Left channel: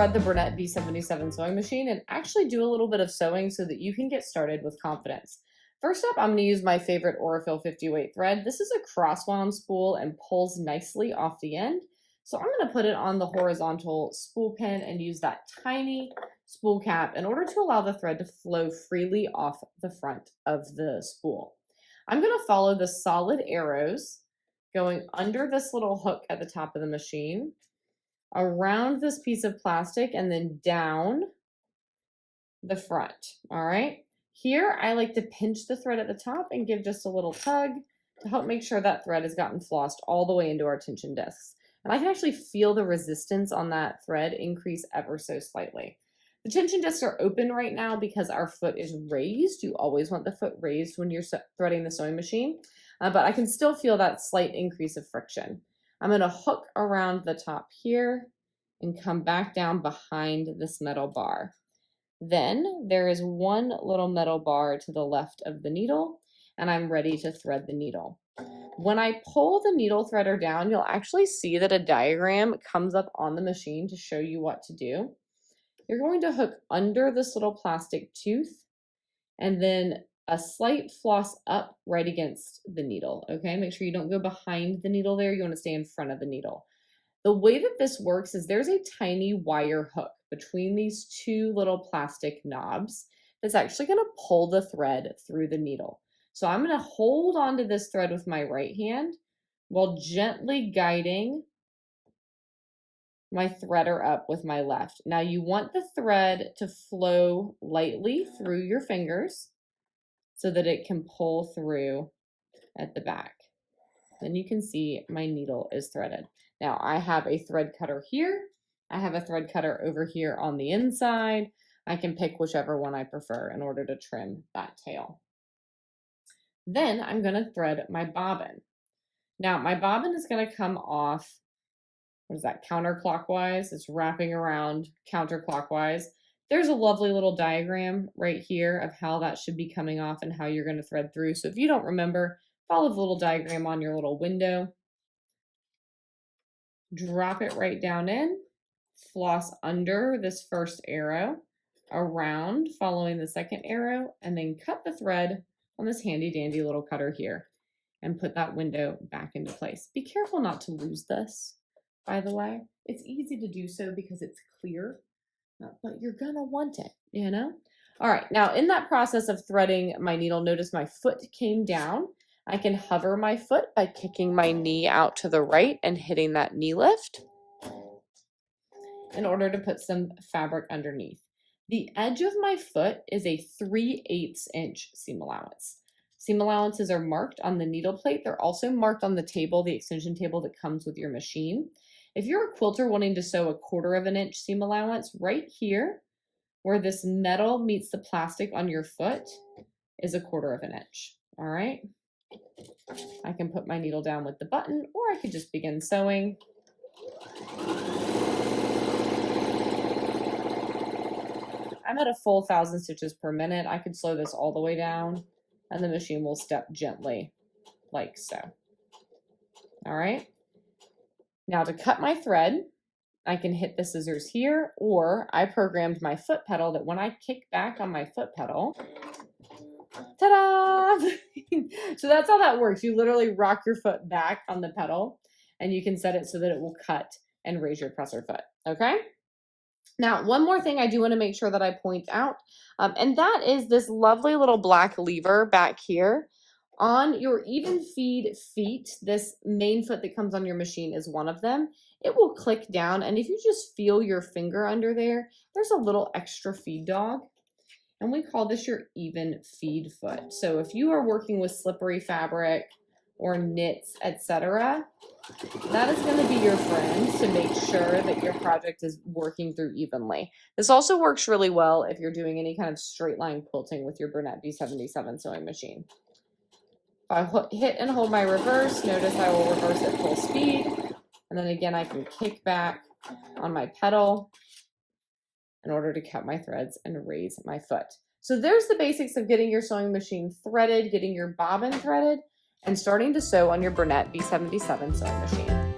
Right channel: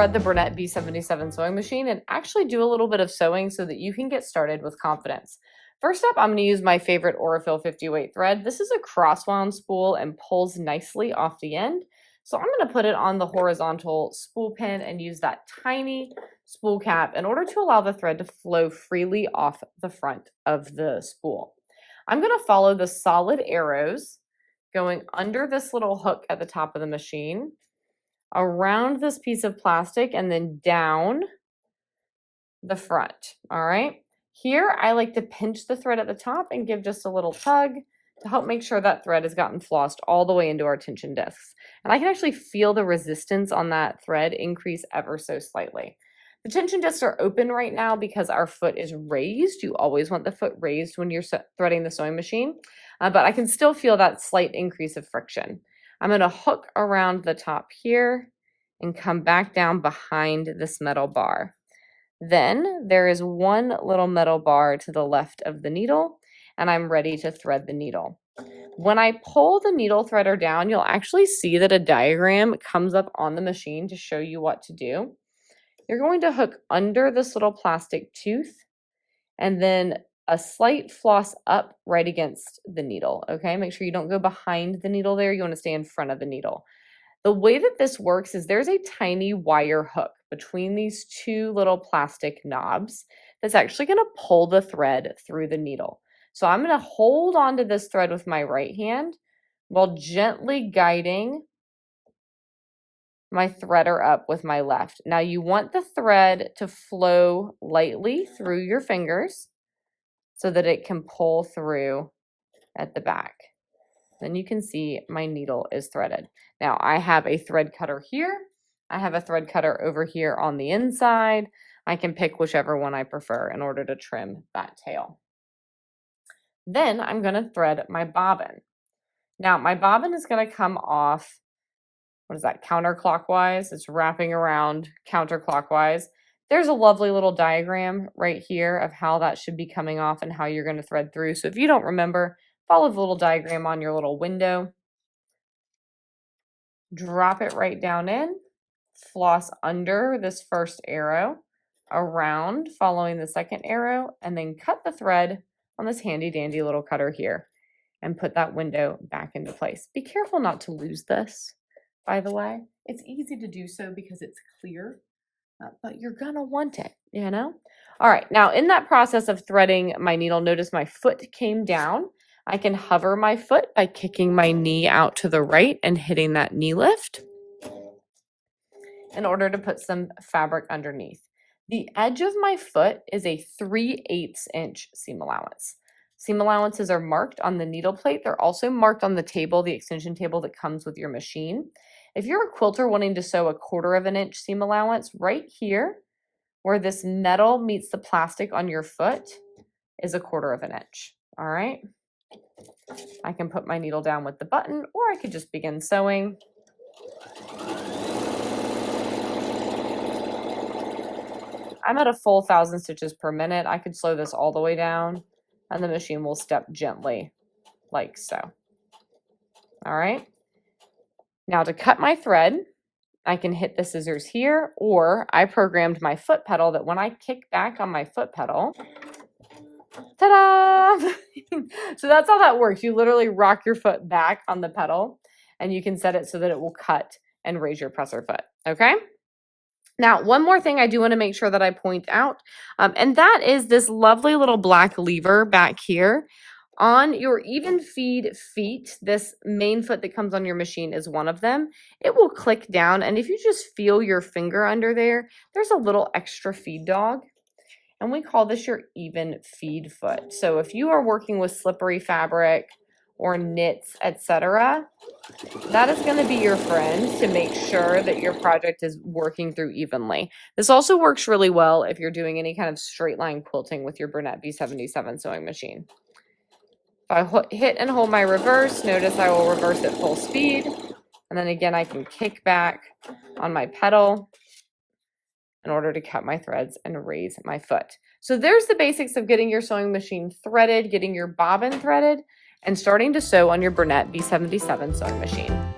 thread the bernette b77 sewing machine and actually do a little bit of sewing so that you can get started with confidence. First up, I'm going to use my favorite Aurifil 50 weight thread. This is a cross-wound spool and pulls nicely off the end. So I'm going to put it on the horizontal spool pin and use that tiny spool cap in order to allow the thread to flow freely off the front of the spool. I'm going to follow the solid arrows going under this little hook at the top of the machine, around this piece of plastic, and then down the front. All right. Here, I like to pinch the thread at the top and give just a little tug to help make sure that thread has gotten flossed all the way into our tension discs. And I can actually feel the resistance on that thread increase ever so slightly. The tension discs are open right now because our foot is raised. You always want the foot raised when you're threading the sewing machine, but I can still feel that slight increase of friction. I'm going to hook around the top here and come back down behind this metal bar. Then there is one little metal bar to the left of the needle, and I'm ready to thread the needle. When I pull the needle threader down, you'll actually see that a diagram comes up on the machine to show you what to do. You're going to hook under this little plastic tooth and then a slight floss up right against the needle, okay? Make sure you don't go behind the needle there. You want to stay in front of the needle. The way that this works is there's a tiny wire hook between these two little plastic knobs that's actually going to pull the thread through the needle. So I'm going to hold onto this thread with my right hand while gently guiding my threader up with my left. Now you want the thread to flow lightly through your fingers so that it can pull through at the back. Then you can see my needle is threaded. Now I have a thread cutter here. I have a thread cutter over here on the inside. I can pick whichever one I prefer in order to trim that tail. Then I'm going to thread my bobbin. Now my bobbin is going to come off, what is that, counterclockwise? It's wrapping around counterclockwise. There's a lovely little diagram right here of how that should be coming off and how you're going to thread through. So if you don't remember, follow the little diagram on your little window. Drop it right down in, floss under this first arrow, around following the second arrow, and then cut the thread on this handy dandy little cutter here and put that window back into place. Be careful not to lose this, by the way. It's easy to do so because it's clear, but you're gonna want it, you know? All right, now in that process of threading my needle, notice my foot came down. I can hover my foot by kicking my knee out to the right and hitting that knee lift in order to put some fabric underneath. The edge of my foot is a 3/8 inch seam allowance. Seam allowances are marked on the needle plate. They're also marked on the table, the extension table that comes with your machine. If you're a quilter wanting to sew a 1/4 inch seam allowance, right here where this metal meets the plastic on your foot is a 1/4 inch. All right. I can put my needle down with the button, or I could just begin sewing. I'm at a full 1,000 stitches per minute. I could slow this all the way down, and the machine will step gently like so. All right. Now to cut my thread, I can hit the scissors here, or I programmed my foot pedal that when I kick back on my foot pedal, ta-da! So that's how that works. You literally rock your foot back on the pedal, and you can set it so that it will cut and raise your presser foot, okay? Now, one more thing I do want to make sure that I point out, and that is this lovely little black lever back here. On your even feed feet, this main foot that comes on your machine is one of them. It will click down, and if you just feel your finger under there, there's a little extra feed dog, and we call this your even feed foot. So if you are working with slippery fabric or knits, etc., that is going to be your friend to make sure that your project is working through evenly. This also works really well if you're doing any kind of straight line quilting with your bernette b77 sewing machine. If I hit and hold my reverse, notice I will reverse at full speed. And then again, I can kick back on my pedal in order to cut my threads and raise my foot. So there's the basics of getting your sewing machine threaded, getting your bobbin threaded, and starting to sew on your bernette b77 sewing machine.